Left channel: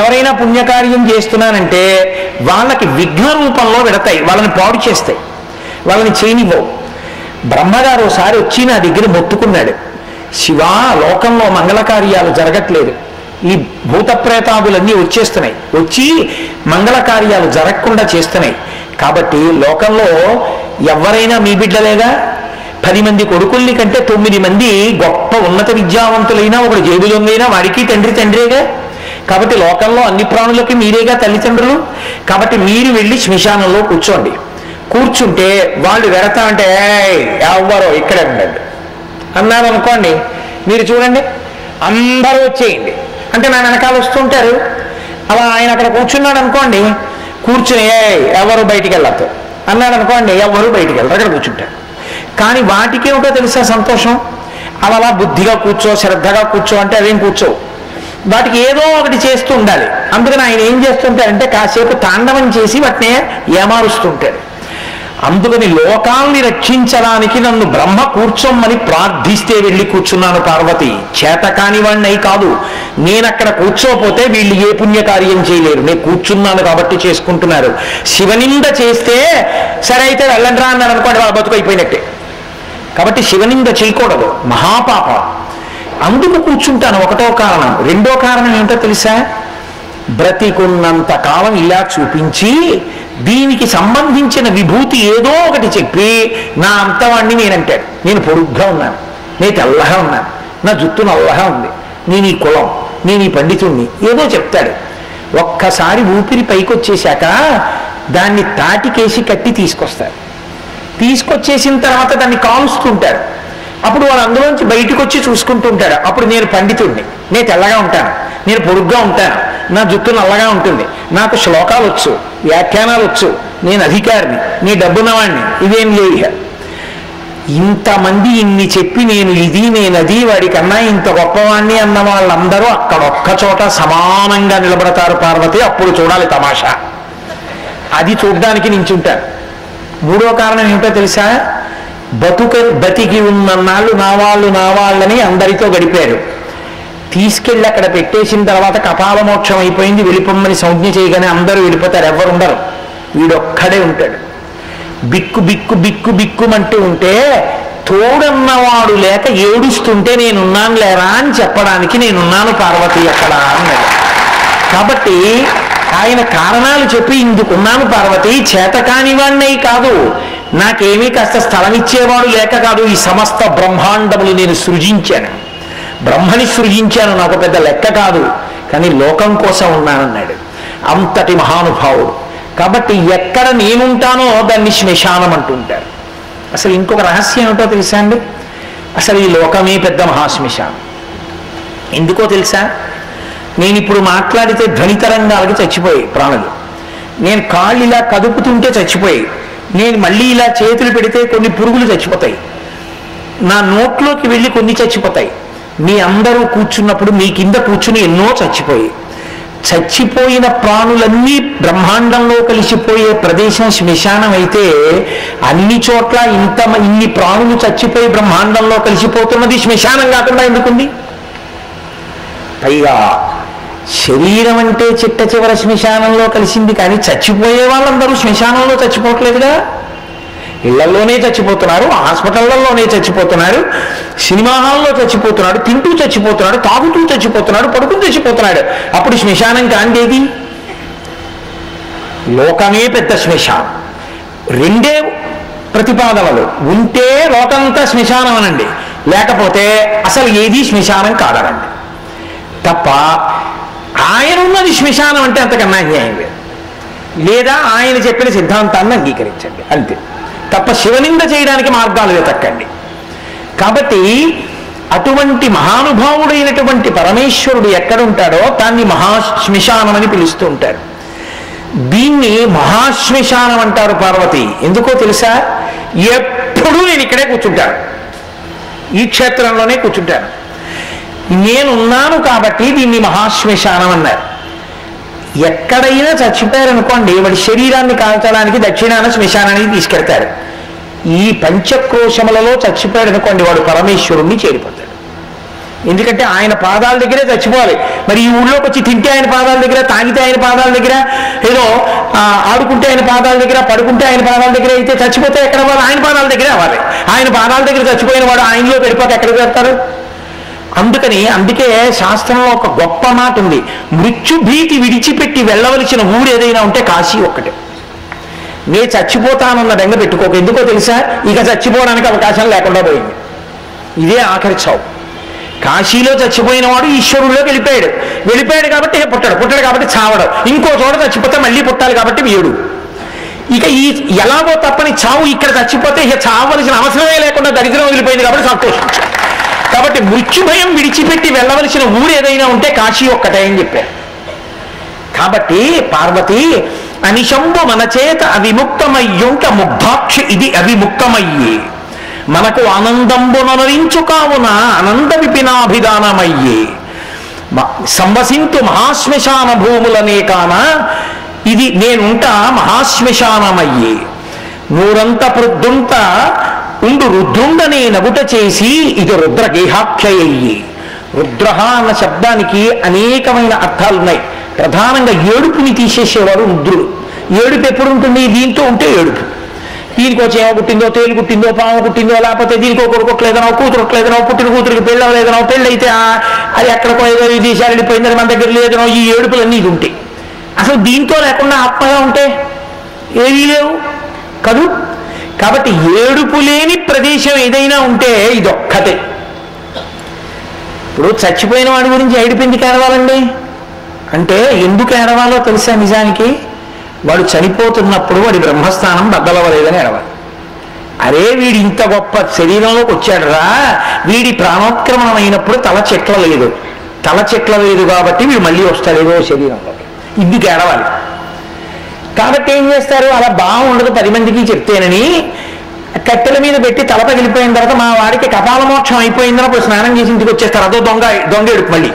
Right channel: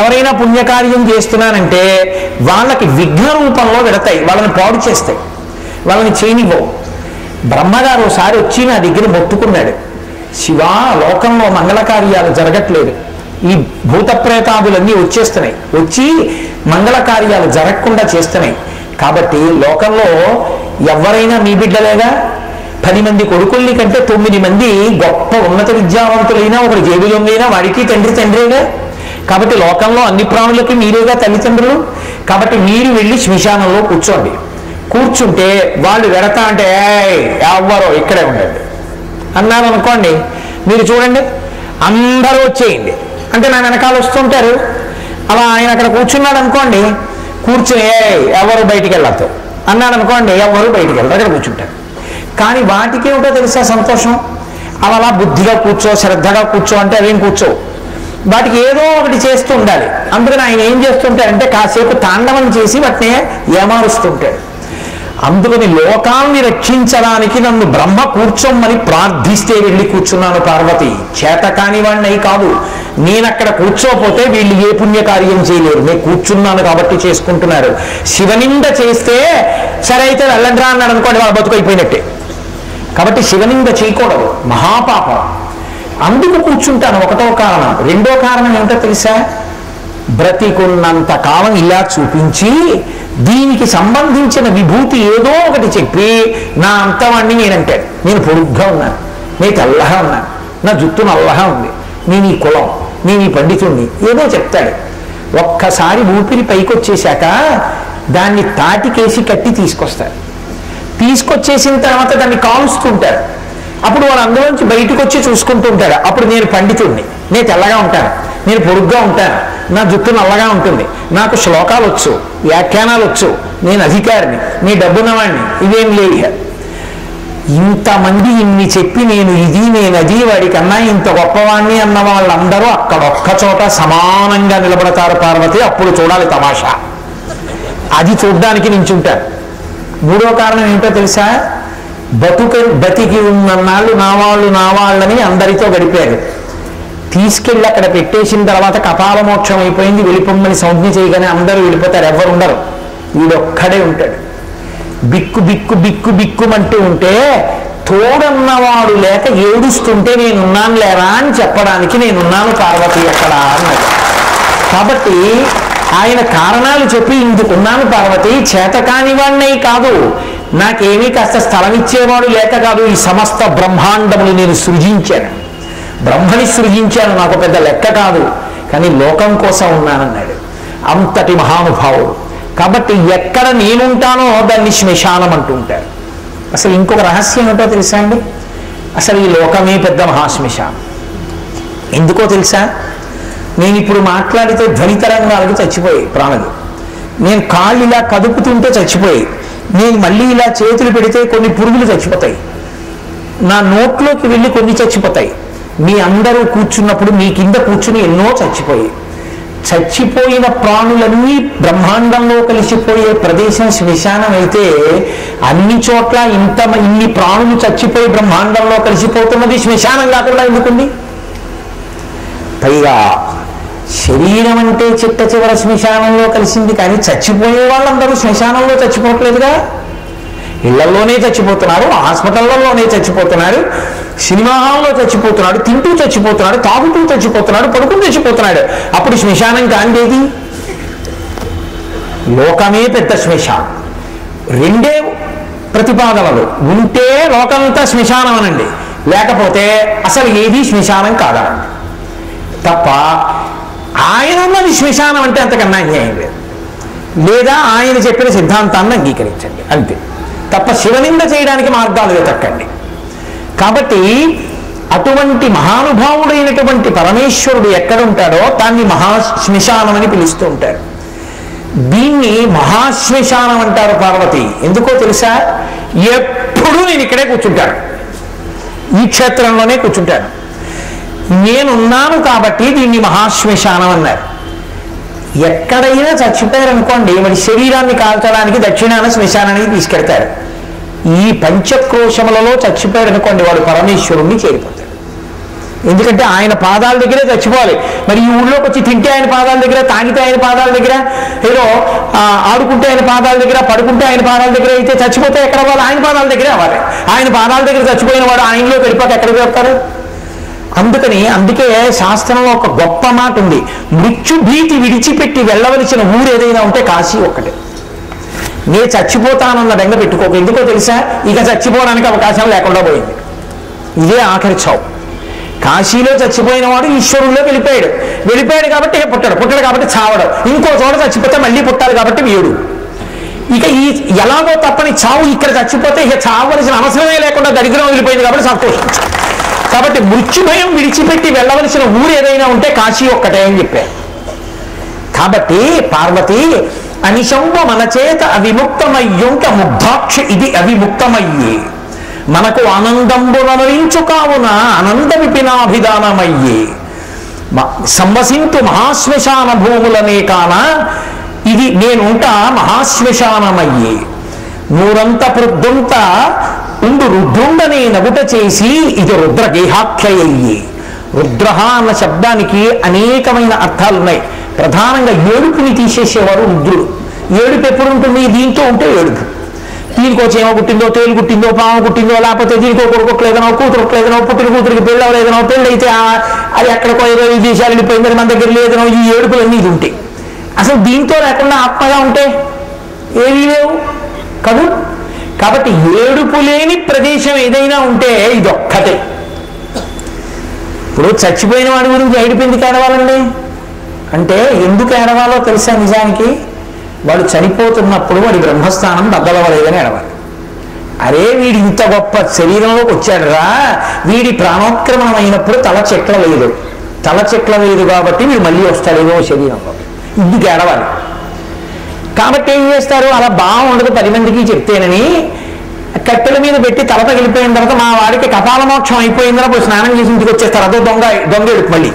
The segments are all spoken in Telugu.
ఎవరైనా పుణ్యకార్యం చేస్తున్నారంటే వాళ్ళకి విఘ్న రూపంలో వెడతాయి, వాళ్ళని పాడు చేస్తాయి, వాళ్ళని చేయనివ్వవు. బ్రహ్మగారు ఒకసారి వచ్చి నా దగ్గర మొత్తుకున్నాడు, శివ, లోకంలో మంగళ కార్యాలు జరగట్లేదు, ఈ భూత ప్రేతాదులన్నీ వచ్చేస్తున్నాయి, వచ్చి మంగళ కార్యాలు జరగకుండా చేస్తున్నాయి, కాబట్టి లోకంలో ఎవరైనా మీ బిడ్డలేగా, 10 మంది కొడుకుల్ని కంటే 9 మంది గొప్ప ఉన్నత విద్యావంతులైనా ఒకటి జేబులొంగైనా వాడికి తండ్రిగా, కాబట్టి లోకంలో అన్ని ప్రాణులకి మీరేగా తల్లిదండ్రులు, కాబట్టి మీరు వెళ్ళి శ్మశానంలో కూర్చోండి. కూర్చుంటే వాళ్ళు వెడతా అంటే ఎవ్వరో ఇక్కడే ఉండండి అన్నారు అనుకోండి, మీరు చూడండి అందరూ వచ్చేయండి అంటే నా వెనకాల వస్తుంటారు. అలా ఆయన అక్కడ కూర్చున్నాడు అనుకోండి, కూర్చుని ఎవరు బయటికి వెళ్ళద్దు అన్నాడు అనుకోండి, ఎవరు బయటికి వెళ్ళరు, అక్కడ కూర్చుంటారు. కానీ వాటికేమిటో తెలుసా సంతోషం, అలా బుద్ధిగా కూర్చో, శ్రద్ధగా కూర్చో అంటే అవేం కూర్చోవు, వాటికి ఏదో ఒకటి చేస్తూ ఉండాలి. అందుకని ఆయన ఏం చేస్తుంటారంటే కాసేపు తాండవం చేసి వాటిని ఏమారుస్తుంటాడు. అందుకని లోకాన్ని రక్షించడానికి నన్ను బ్రహ్మ కూర్చోమని ప్రార్థిస్తే వెళ్ళి కూర్చున్నాను పార్వతి, చేతకాని వాడిని కాదు. నేనక్కడ కూర్చోపోతే వీళ్ళు ఏ పుణ్యకార్యం చేయలేరు, నేను కూర్చున్నాను కాబట్టి చేసుకుంటున్నారు. శివనింద చేస్తే సరే అయితే వెళ్ళండ్రా అన్నాడు అనుకోండి, వాళ్ళ బతుకైపోయినట్టే. కాబట్టి శివనింద చేయకూడదు, మహాపాపం. అందుకు కూర్చుంటాను, ఒకటో కారణం. రెండో కారణం ఏంటో తెలుసా, బ్రతికున్నంత కాలం ఇలా చూపించి దీనికి సంబంధించిన విభూతి ఏదో ఒకటి చెప్పి నా అంతవాణ్ణి నేనంటాడు. నేను పొడుగ్గా ఉన్నాను, నేను తెల్లగా ఉన్నాను, నా జుట్టు నల్లగా ఉంది, నేను ఈ కులం, నేను ఈ పండితుణ్ణి, ఏదో చెప్తాడు. ఒక్కసారి ఊపిరి పైకొచ్చేశాక దాన్ని తాటికేసి కట్టి తీసుకొస్తాడు. తీసుకొచ్చేసిన తర్వాత దాన్ని కాలుస్తుంటాడు. అప్పుడు వాడు అందులోంచి బయటకు వచ్చి చూసుకుంటూ ఉంటాడు. అప్పుడు నేను పండితుడిని, నేను తెల్లగా ఉంటాను, నేను పొడుగ్గా ఉంటాను, నా జుట్టు నల్లగా ఉంటుంది, నాకు శ్లోకాలు వచ్చు, వ్యాఖ్యానాలు వచ్చు, నేను అధికారిని, నీ డబ్బున్నవాడిని, ఇవేం లేదు. ఇంతమంది ఇన్ని చెప్పి నేను ఇది నేను అది వాడికన్నా ఇంత గొప్పవాణ్ణి అన్న వాళ్ళందరూ అక్కడ ఒక్క చోట సమానంగా నిలబడతారు పార్వతి. అప్పుడు చూడాలి తమాషా, అది చూడ్డానికి నించుంటాను. మూడో కారణం ఏంటో తెలుసా, బతికి ఉన్నన్నాళ్ళు నా వాళ్ళని అందరితో గడిపాడు. తీసుకెళ్ళి అక్కడ పెట్టేసిన తర్వాత కపాల మోక్షం అయిపోయింది, వెళ్ళిపోమ్మని సంజ్ఞ చేయగానే అందరూ వెళ్ళిపోతారు, ఎవరు ఉండరు, వీడొక్కడే ఉంటాడు. బిక్కు బిక్కు బిక్కు బిక్కుమంటూ ఉంటే తోడన్నవాడు లేక ఏడుస్తుంటే నేనున్నాను లేరా అని చెప్పడానికి నేనున్నాను పార్వతి అక్కడ అన్నాడు. కాబట్టి ఆయన కారణాలు చెప్పి ఇందుకున్నాను పార్వతి, చేతకాని వాణ్ణి కాదు, నాకేమీ కాస్త స్థలం ఇచ్చేవాడు లేక కాదు, ఈ సమస్త బ్రహ్మాండములు నేను సృజించాను, బ్రహ్మని సృజించాను, నాకు పెద్ద లెక్క కాదు, కానీ లోకం కోసం ఉన్నానన్నాడు. అంతటి మహానుభావుడు. కాబట్టి ఎక్కడ నేనుంటానో దాన్ని శ్మశానం అంటుంటారు. అసలు ఇంకొక రహస్యం ఏమిటో తెలుసా అండి, అసలు ఈ లోకమే పెద్ద మహాశ్మశానం. ఎందుకో తెలుసా, నేను ఇప్పుడు మాట్లాడితే ధ్వనితరంగాలకి చచ్చిపోయాయి ప్రాణులు, నేను కాళ్ళు ఇలా కదుపుతుంటే చచ్చిపోయాయి, నేను మళ్ళీ ఇలా చేతులు పెడితే కొన్ని పురుగులు చచ్చిపోతాయి, నా నోట్లోకి వెళ్ళి కొన్ని చచ్చిపోతాయి, మీ అందరూ కూర్చున్నప్పుడు మీ కింద కూర్చుని ఎన్నో చచ్చిపోయాయి. చచ్చిపోయిన ప్రాణులన్నీ బ్రహ్మాండంలో కలిసిపోయే ప్రదేశం శ్మశానం అయితే అన్ని చోట్ల ఇన్ని ప్రాణులు చచ్చిపోయి బ్రహ్మాండంలో కలిసిపోతున్నది శ్మశానం కాకుండా ఎందుకుంది? పైగా శరీరం అంటే చిట్ట చివర శ్మశానంలో కలిసింది, కానీ చచ్చిపోయే వాళ్ళందరూ శ్మశానంలో చచ్చిపోవట్లేదుగా. ఇళ్లలోనే చచ్చిపోతున్నారు, హాస్పిటళ్లలోనే చచ్చిపోతున్నారు, సినిమా హాల్లో చచ్చిపోతున్నాడు, తింటూ చచ్చిపోతున్నాడు, తాగుతూ చచ్చిపోతున్నాడు, పడుకుని చచ్చిపోతున్నాడు. అప్పుడు శ్మశానం కాందేది? లోకమే పెద్ద శ్మశానం. రెండే ప్రతిపాదనలు, ఉంటే లోకంతా శ్మశానం అనండి, లేకపోతే అసలు ఏది శ్మశానం కాదనండి. తప్ప ఆయన ఉన్నది శ్మశానం అంటే అంతకన్నా అన్యాయం లేదు. లేదా ఆయన చెప్పిన సిద్ధాంతాన్ని అంగీకరించండి అంతే, తప్ప శివనింద చేయడానికి మార్గాలు వెతకండి. కాబట్టి అటువంటి మహానుభావుడైనటువంటి పరమేశ్వరుడు ఎక్కడుంటాడో దాన్ని మహాశ్మశానం అని పిలుస్తూ ఉంటారు. దీన్ని మహాశ్మశానం అంటారు పార్వతి. ఎందుకో తెలుసా, ఎప్పుడూ నేను ఇక్కడే కూర్చుంటాను, ఈ క్షేత్రంలోనే కూర్చుంటాను, నేనున్నాను కాబట్టి దీన్ని మహాశ్మశానం అన్నారు. ఎక్కడైనా చచ్చిపోయారనుకోండి, మరి శరీరాన్ని కాల్చడానికి దక్షిణాన శ్మశానానికి తీసుకెడతారు. ఈ పంచక్రోశములలో చచ్చిపోయారనుకోండి, వాడు పరమేశ్వరుణ్ణి చేరిపోతాడు. ఎందుకంటే ఆయన పాదాల దగ్గరే చచ్చిపోవాలి. మరి ఈ ఊళ్ళోకి వచ్చి తింటే ఆయన పాదాల దగ్గర, తాగితే ఆయన పాదాల దగ్గర, ఏదో ఆడుకుంటే ఆయన పాదాల దగ్గర, పడుకుంటే ఆయన పాదాల దగ్గర అయితే చచ్చిపోతే ఎక్కడ వాళ్ళు? ఆయన పాదాల దగ్గరే అవ్వాలి. ఆయన పాదాల దగ్గర చచ్చిపోయిన వాడు ఆయనలో వెళ్ళిపోతే ఎక్కడికి వెళ్తారు? అందుకే శాస్త్రంలో ఒక గొప్ప మాట ఉంది, మృత్యుభీతి విడిచిపెట్టి వెళ్ళవలసిన ఊరు ఏదైనా ఉంటే కాశీ ఒక్కటే. నే చచ్చిపోతానన్న బెంగ పెట్టుకోక. ఎందుకో తెలుసా? ఇక చచ్చిపోవడానికి అవకాశం లేకుండా పోయింది. ఇదే ఆఖరి చావు. కాశీలో చచ్చిపోయిన వాడు ఈశ్వరుల్లోకి వెళ్ళిపోయాడు కాబట్టి పుట్టడు కాబట్టి చావడం. ఇంకో చోట చచ్చిపోతే మళ్ళీ పుట్టాలి కాబట్టి వీడు. ఇక ఎలాగో తప్పని చావు. ఇక్కడ చచ్చిపోతే ఇక చావలసిన అవసరమే లేకుండా దరిద్రం వెళ్ళిపోయింది కాబట్టి సంతోషించారు. కాబట్టి మృత్యుభయం విడిచిపెట్టి వెళ్ళవలసిన ఊరు ఏదైనా ఉంటే కాశీ ఒక్కటే అని చెప్పారు. కాబట్టి పార్వతి అనిశంబు మన చేత అవిముక్తమయ్యుంట ముగ్ధాక్షి ఇది అవిముక్తమయ్యి మనకు ఆనందంబునరించు కావున అనంద విపినాభిధానమయ్యి సంవసింతు మహాశ్మశాన భూములనే కాన ఇది నేనుంటా మహాశ్మశానమయ్యి నూరంత ప్రొద్దుంత ఉండు రుద్రుండనే నగుట చేసి ఇది రుద్రగేహాఖ్యయ్యి. రుద్ర అన్న శబ్దానికి అనేకమైన అర్థాలున్నాయి. ప్రధానంగా ఏడుపుని తీసేసేవారు రుద్రుడు. ఏడుపు ఎప్పుడు ఉంటుంది? దీంతో ఉంటే ఏడుపు. దీనికో చేమ పుట్టిందో, తేలు పుట్టిందో, పాము పుట్టిందో, లేకపోతే దీనికో కొడుకోట్లేదనో, కూతురుట్లేదనో, పుట్టిన కూతురికి పెళ్ళి అవ్వలేదనో, పెళ్ళి అయితే అది ఎక్కడికో ఏదో దేశాలు వెళ్ళిపోయిందని మన దగ్గర లేదనో, ఈ ఏడుపులన్నీ ఇది ఉంటాయి. అసలు దీంతో లేకుండా ఆత్మగా ఉంటే ఏమీ లేవు కదూ. కాబట్టి ఏడుపు లేని ప్రదేశం ఏదైనా ఉంటే ఇదొక్కటే. ఇప్పుడు చచ్చిపోయిన వాడి గురించి ఏడుపు ఎందుకు ఏడవాలండి అంటే, ఎందుకు ఏడవాలో తెలుసా? నిజానికి వాడు చనిపోతున్నప్పుడు వాడి బ్రహ్మస్థానం బద్దలవలేదని ఏడవాలి. అరే వీడి ఇంత గొప్ప శరీరంలోకి వచ్చాడురా, వీడి ప్రాణోత్క్రమణం అయినప్పుడు తల చెట్ల లేదు కాబట్టి వీడు మళ్ళీ వస్తాడేమో శరీరంలోకి, ఇందుకు ఏడవాలి. కాబట్టి ఏం చేస్తారు? అలా బాగుండదు 10 మందికి చెప్తేనని కట్టెల మీద పెట్టి తల పగిలిపోయిన తర్వాత మా వాడికి కపాల మోక్షం అయిపోయిందని అప్పుడు స్నానం చేసి ఇంటికి వచ్చేస్తారు. అదో దొంగ ఎడుపు. మళ్ళీ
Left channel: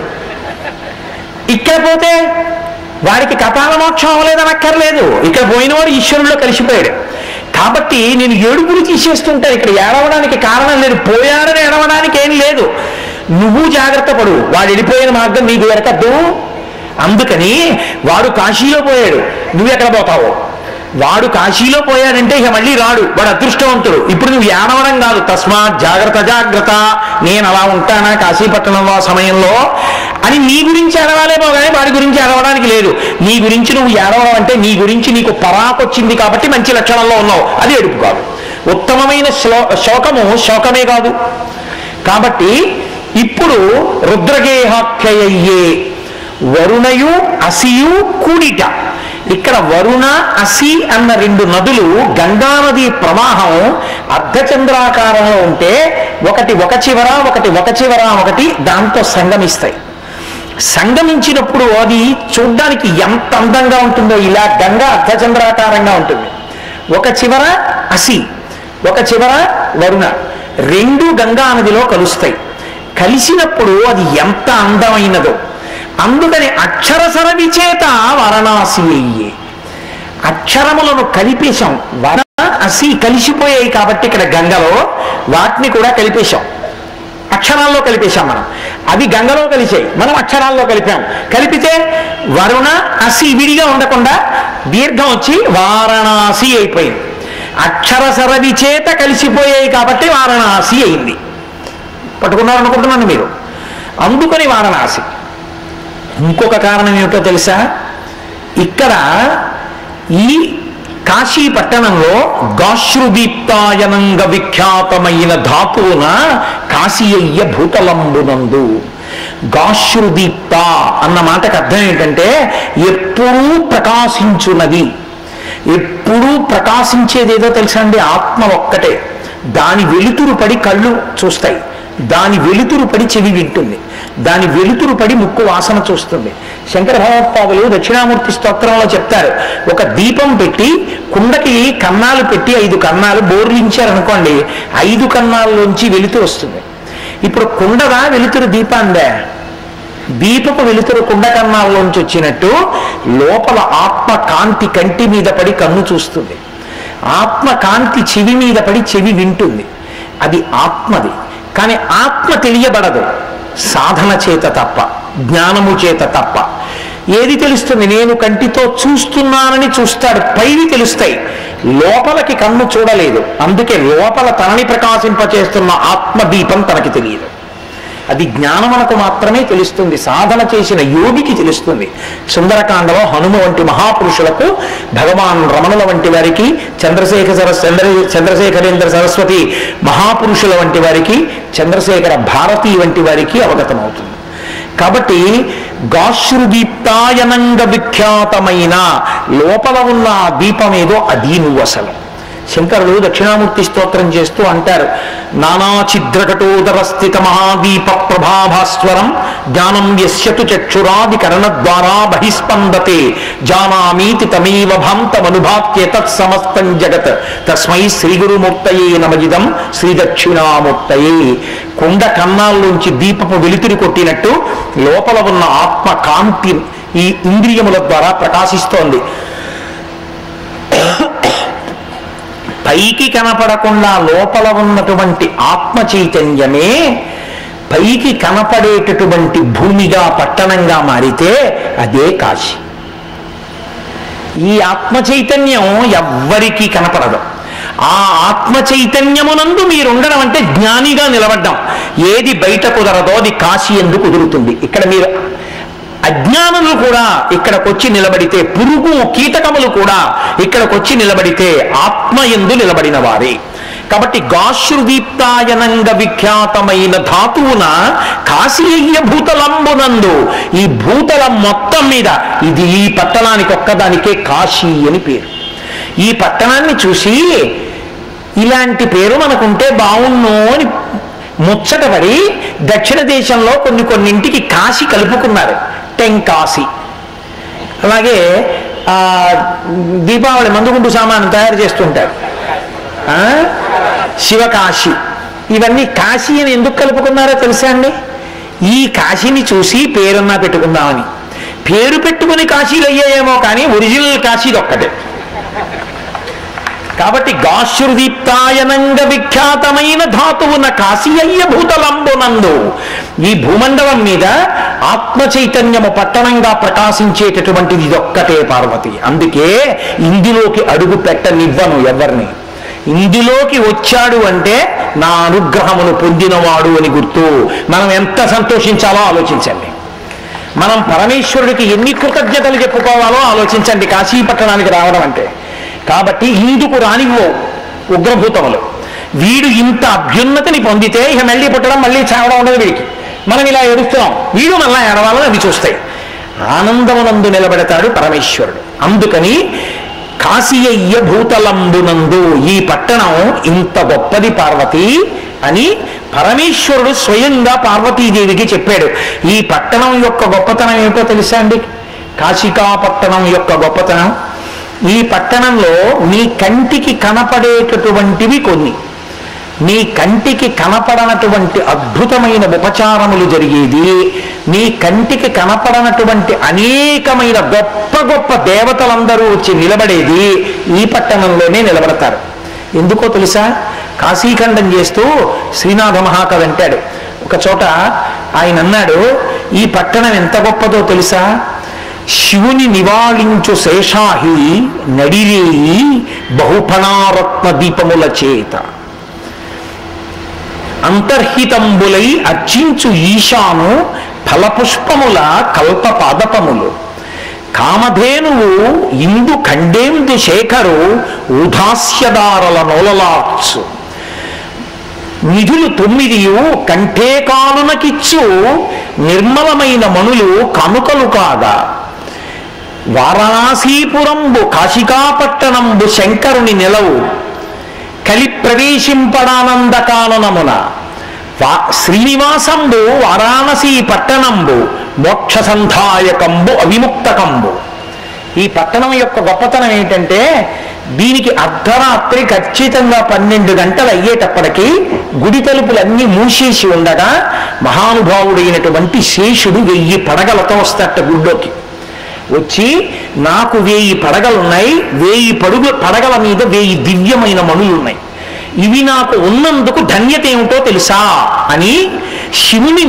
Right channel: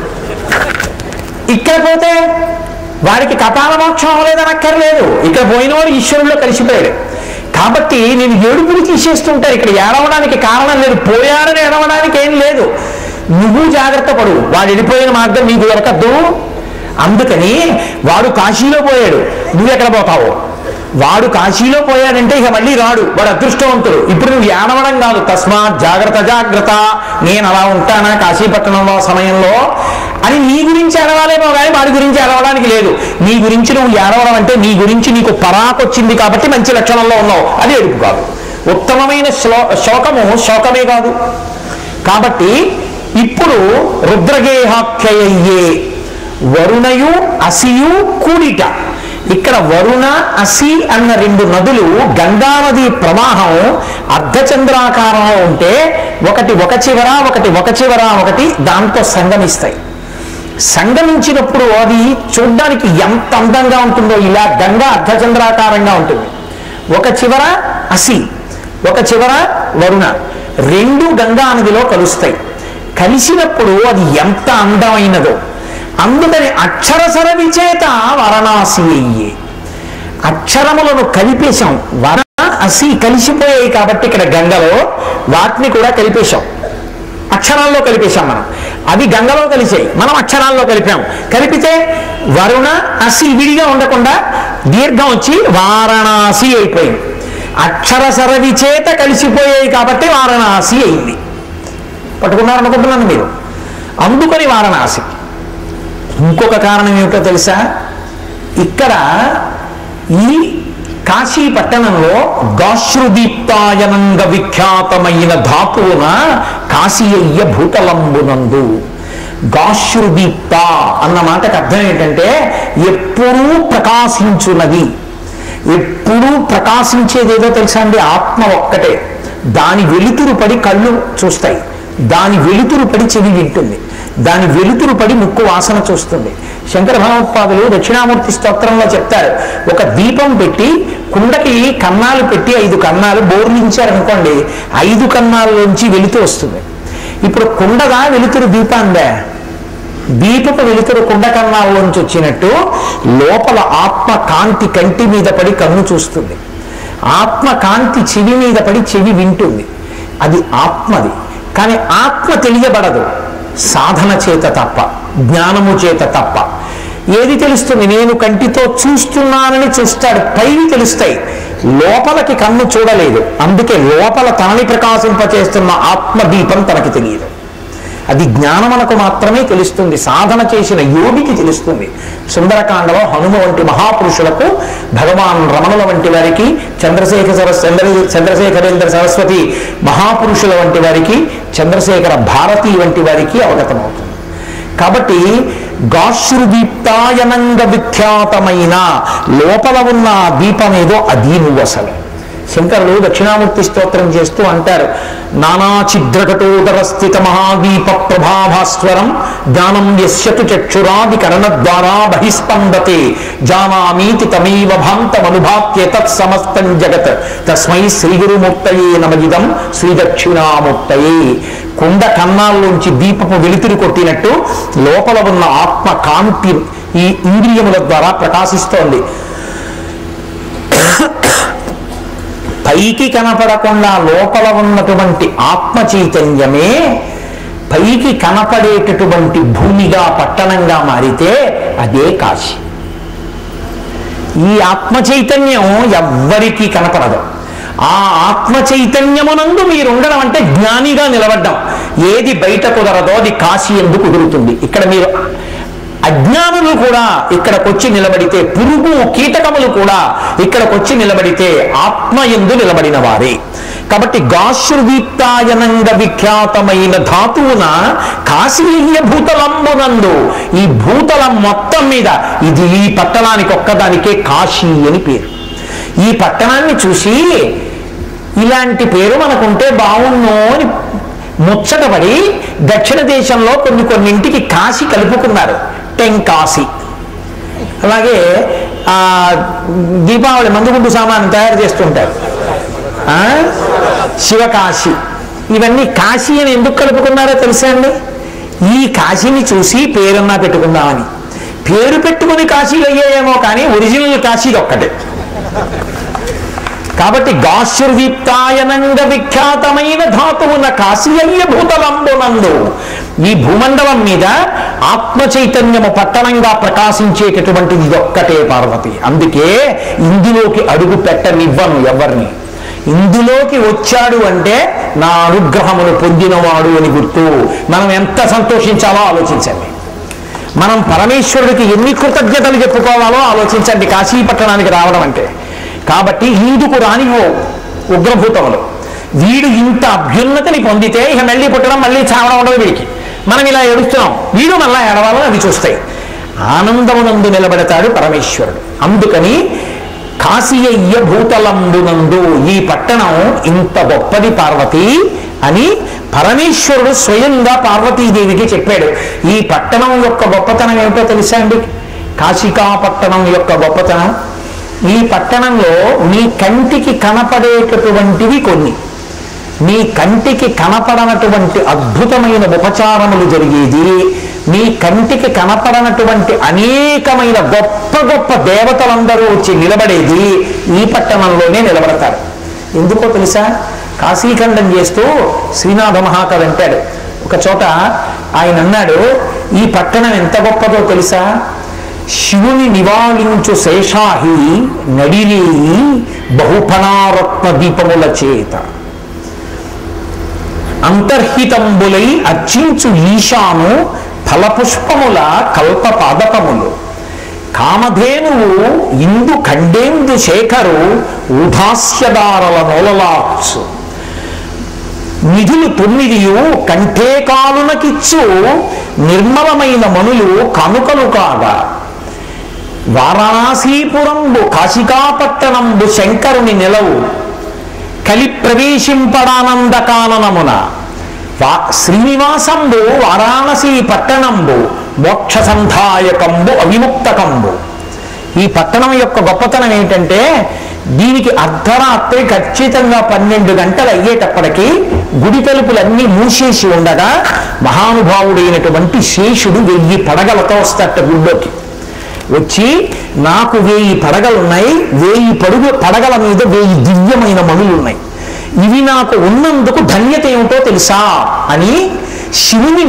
ఇక్కడ పోతే వాడికి కపాల మోక్షం అవ్వలేదని అక్కర్లేదు. ఇక్కడ పోయినవాడు ఈశ్వరుల్లో కలిసిపోయాడు. కాబట్టి నేను ఏడుపులు తీసేస్తుంటాను. ఇక్కడ ఏడవడానికి కారణం లేదు, పోయాడని ఏడవడానికి ఏం లేదు. నువ్వు జాగ్రత్త పడు, వాడు వెళ్ళిపోయిన మార్గం నీకు దొరకద్దు. అందుకని వాడు కాశీలో పోయాడు, నువ్వెక్కడ పోతావు? వాడు కాశీలో పోయాడంటే ఇక మళ్ళీ రాడు, వాడు అదృష్టవంతుడు. ఇప్పుడు నువ్వు ఏడవడం కాదు, తస్మాత్ జాగ్రత్త, నేను అలా ఉంటానా కాశీపట్టణంలో సమయంలో అని నీ గురించి ఏడవాలేమో కానీ వాడి గురించి ఏడవడానికి లేదు. నీ గురించి నువ్వు ఏడవడం అంటే నీ గురించి నీకు పరాకొచ్చింది కాబట్టి మంచి లక్షణంలో ఉన్నావు, అది ఏడుపు కాదు. ఉత్తమమైన శోకమే కాదు. కాబట్టి ఇప్పుడు రుద్రగేహాఖ్యయ్యే వరుణయు అసియు కూడిట. ఇక్కడ వరుణ అసి అన్న 2 నదులు గంగానది ప్రవాహం అర్ధచంద్రాకారంలో ఉంటే ఒకటి ఒక చివర ఒకటి దాంతో సంగమిస్తాయి. సంగమించినప్పుడు అది చూడ్డానికి ఎంత అందంగా ఉంటుందో. ఇలా గంగా అర్ధచంద్రాకారంగా ఉంటుంది. ఒక చివర అసి, ఒక చివర వరుణ, 2 గంగా నదిలో కలుస్తాయి. కలిసినప్పుడు అది ఎంత అందమైనదో. అందుకని అక్షరసర విచేత వారణాసి అయ్యి అక్షరములను కలిపేశాం. వర అసి కలిసిపోయాయి కాబట్టి ఇక్కడ గంగలో వాటిని కూడా కలిపేశాం, అక్షరాల్లో కలిపేశాం. మనం అవి గంగలో కలిసాయి, మనం అక్షరాల్లో కలిపాం. కలిపితే వరుణ అసి విడిగా ఉండకుండా దీర్ఘం వచ్చి వారణాసి అయిపోయింది. అక్షరసర విచేత కలిసిపోయాయి కాబట్టి వారణాసి అయింది. పట్టుకున్నారనుకుంటున్నాను మీరు. అందుకని వారణాసి. ఇంకొక కారణం ఏమిటో తెలుసా? ఇక్కడ ఈ కాశీ పట్టణంలో గాశ్రుదీప్తాయనంగ విఖ్యాతమైన ధాతువున కాశీయ్య భూతలంబునందు. గాశ్రుదీప్త అన్న మాటకు అర్థం ఏంటంటే ఎప్పుడూ ప్రకాశించున్నది. ఎప్పుడూ ప్రకాశించేదేదో తెలుసా అండి? ఆత్మ ఒక్కటే. దాని వెలుతురు పడి కళ్ళు చూస్తాయి, దాని వెలుతురు పడి చెవి వింటుంది, దాని వెలుతురు పడి ముక్కు వాసన చూస్తుంది. శంకర భగవత్పాదులు దక్షిణామూర్తి స్తోత్రంలో చెప్తారు, ఒక దీపం పెట్టి కుండకి కన్నాలు పెట్టి 5 కన్నాలు బోర్లించారనుకోండి, 5 కన్నాల్లోంచి వెలుతురు వస్తుంది. ఇప్పుడు కుండగా వెలుతురు దీపాందే, దీపపు వెలుతురు కుండ కన్నాల్లోంచి వచ్చినట్టు లోపల ఆత్మ కాంతి కంటి మీద పడి కన్ను చూస్తుంది, ఆత్మ కాంతి చెవి మీద పడి చెవి వింటుంది. అది ఆత్మది. కానీ ఆత్మ తెలియబడదు. సాధన చేత తప్ప, జ్ఞానము చేత తప్ప. ఏది తెలుస్తుంది? నేను కంటితో చూస్తున్నానని చూస్తాడు, పైవి తెలుస్తాయి, లోపలికి కన్ను చూడలేదు. అందుకే లోపల తనని ప్రకాశింపచేస్తున్న ఆత్మదీపం తనకి తెలియదు. అది జ్ఞానమునకు మాత్రమే తెలుస్తుంది, సాధన చేసిన యోగికి తెలుస్తుంది. సుందరకాండలో హనుమ వంటి మహాపురుషులకు, భగవాన్ రమణుల వంటి వారికి, చంద్రశేఖరేంద్ర సరస్వతి మహాపురుషుల వంటి వారికి, చంద్రశేఖర భారతి వంటి వారికి అవగతమవుతుంది. కాబట్టి గాశ్రుదీప్తాయనంగ విఖ్యాతమైన లోపల ఉన్న ఆ దీపమేదో అది నువ్వు అసలు. శంకరులు దక్షిణామూర్తి స్తోత్రం చేస్తూ అంటారు, నానాఛిద్రకటోదర స్థిత మహాదీప ప్రభాభాస్వరం జ్ఞానం యస్యతు చక్షురాది కరణద్వారా బహిస్పందతే జానామీతి తమేవ భాంతమనుభాత్య తత్సమస్తం జగత్ తస్మై శ్రీ గురుమూర్తయే నమజిదం శ్రీ దక్షిణామూర్తయే. కొండ కన్నాల్లోంచి దీపపు వెలుతురు కొట్టినట్టు లోపల ఉన్న ఆత్మ కాంతి ఈ ఇంద్రియముల ద్వారా ప్రకాశిస్తోంది. పైకి కనపడకుండా లోపల ఉన్నటువంటి ఆత్మ చైతన్యమే పైకి కనపడేటటువంటి భూమిగా, పట్టణంగా మారితే అదే కాశీ. ఈ ఆత్మ చైతన్యం ఎవ్వరికీ కనపడదు. ఆ ఆత్మ చైతన్యమునందు మీరుండడం అంటే జ్ఞానిగా నిలబడ్డం. ఏది బయట కుదరదో అది కాశీ ఎందు కుదురుతుంది. ఇక్కడ మీరు అజ్ఞానులు కూడా ఇక్కడికొచ్చి నిలబడితే, పురుగు కీటకములు కూడా ఇక్కడికొచ్చి నిలబడితే ఆత్మ యందు నిలబడిన వారే. కాబట్టి గాశ్రుదీప్తాయనంగ విఖ్యాతమైన ధాతువున కాశీయ భూతలంబునందు, ఈ భూతలం మొత్తం మీద ఇది ఈ పట్టణానికి ఒక్కదానికే కాశీ అని పేరు. ఈ పట్టణాన్ని చూసి ఇలాంటి పేరు మనకుంటే బాగున్నో అని ముచ్చటపడి దక్షిణ దేశంలో కొన్నింటికి కాశీ కలుపుకున్నారు, టెంకాశీ. అలాగే దీపావళి మందుగుండు సామాను తయారు చేస్తుంటారు, శివకాశీ. ఇవన్నీ కాశీ అని ఎందుకు కలుపుకున్నారో తెలుసా అండి? ఈ కాశీని చూసి పేరన్నా పెట్టుకుందామని. పేరు పెట్టుకుని కాశీలు అయ్యాయేమో కానీ ఒరిజినల్ కాశీది ఒక్కటే. కాబట్టి గాశ్రుదీప్తాయనంగ విఖ్యాతమైన ధాతువున కాశీయ భూతలంబునందు, ఈ భూమండలం మీద ఆత్మ చైతన్యము పట్టణంగా ప్రకాశించేటటువంటిది ఒక్కటే పార్వతి. అందుకే ఇందులోకి అడుగు పెట్టనివ్వను ఎవరిని. ఇందులోకి వచ్చాడు అంటే నా అనుగ్రహమును పొందినవాడు అని గుర్తు. మనం ఎంత సంతోషించాలో ఆలోచించండి. మనం పరమేశ్వరుడికి ఎన్ని కృతజ్ఞతలు చెప్పుకోవాలో ఆలోచించండి కాశీ పట్టణానికి రావడం అంటే. కాబట్టి ఇందుకు రానివో ఉగ్రభూతములు. వీడు ఇంత అభ్యున్నతిని పొందితే ఇక మళ్ళీ పుట్టడం, మళ్ళీ చావడం ఉండదు వీడికి. మనం ఇలా ఏడుస్తున్నాం, వీడు మళ్ళా ఏడవాలని అవి చూస్తాయి. ఆనందమునందు నిలబెడతాడు పరమేశ్వరుడు. అందుకని కాశీయ భూతలంబునందు, ఈ పట్టణం ఇంత గొప్పది పార్వతి అని పరమేశ్వరుడు స్వయంగా పార్వతీదేవికి చెప్పాడు. ఈ పట్టణం యొక్క గొప్పతనం ఏమిటో తెలుసా అండి? కాశికా పట్టణం యొక్క గొప్పతనం, ఈ పట్టణంలో నీ కంటికి కనపడేటటువంటివి కొన్ని, నీ కంటికి కనపడనటువంటి అద్భుతమైన ఉపచారములు జరిగేది, నీ కంటికి కనపడనటువంటి అనేకమైన గొప్ప గొప్ప దేవతలందరూ వచ్చి నిలబడేది ఈ పట్టణంలోనే నిలబడతారు. ఎందుకో తెలుసా? కాశీఖండం చేస్తూ శ్రీనాథ మహాకవి అంటాడు ఒక చోట. ఆయన అన్నాడు, ఈ పట్టణం ఎంత గొప్పదో తెలుసా? శివుని నివాళించు శేషాహి నడిరేయి బహుఫణారత్న దీపముల చేత అంతర్హితంబులై అర్చించు ఈశాను ఫలపుష్పముల కల్ప పాదపములు కామధేనువు ఇందు ఖండేందు శేఖరు ఊధాస్యదారల నోలలాచ్చు నిధులు 9 కంఠే కాలునకిచ్చు నిర్మలమైన మనులు కనుకలు కాగా వారణాసీపురంబు కాశికాపట్టణంబు శంకరుని నిలవు కలి ప్రవేశింపడానంద కాలనమున శ్రీనివాసంబు వారాణసీ పట్టణంబు మోక్ష సంధాయకంబు అవిముక్తకంబు. ఈ పట్టణం యొక్క గొప్పతనం ఏంటంటే దీనికి అర్ధరాత్రి ఖచ్చితంగా 12 గంటలు అయ్యేటప్పటికీ గుడి తలుపులన్నీ మూసేసి ఉండగా మహానుభావుడైనటువంటి శేషుడు 1000 పడగలతో వస్తట గుడిలోకి. వచ్చి నాకు 1000 పడగలున్నాయి, 1000 పడగల మీద 1000 దివ్యమైన మణులున్నాయి, ఇవి నాకు ఉన్నందుకు ధన్యత ఏమిటో తెలుసా అని శివుని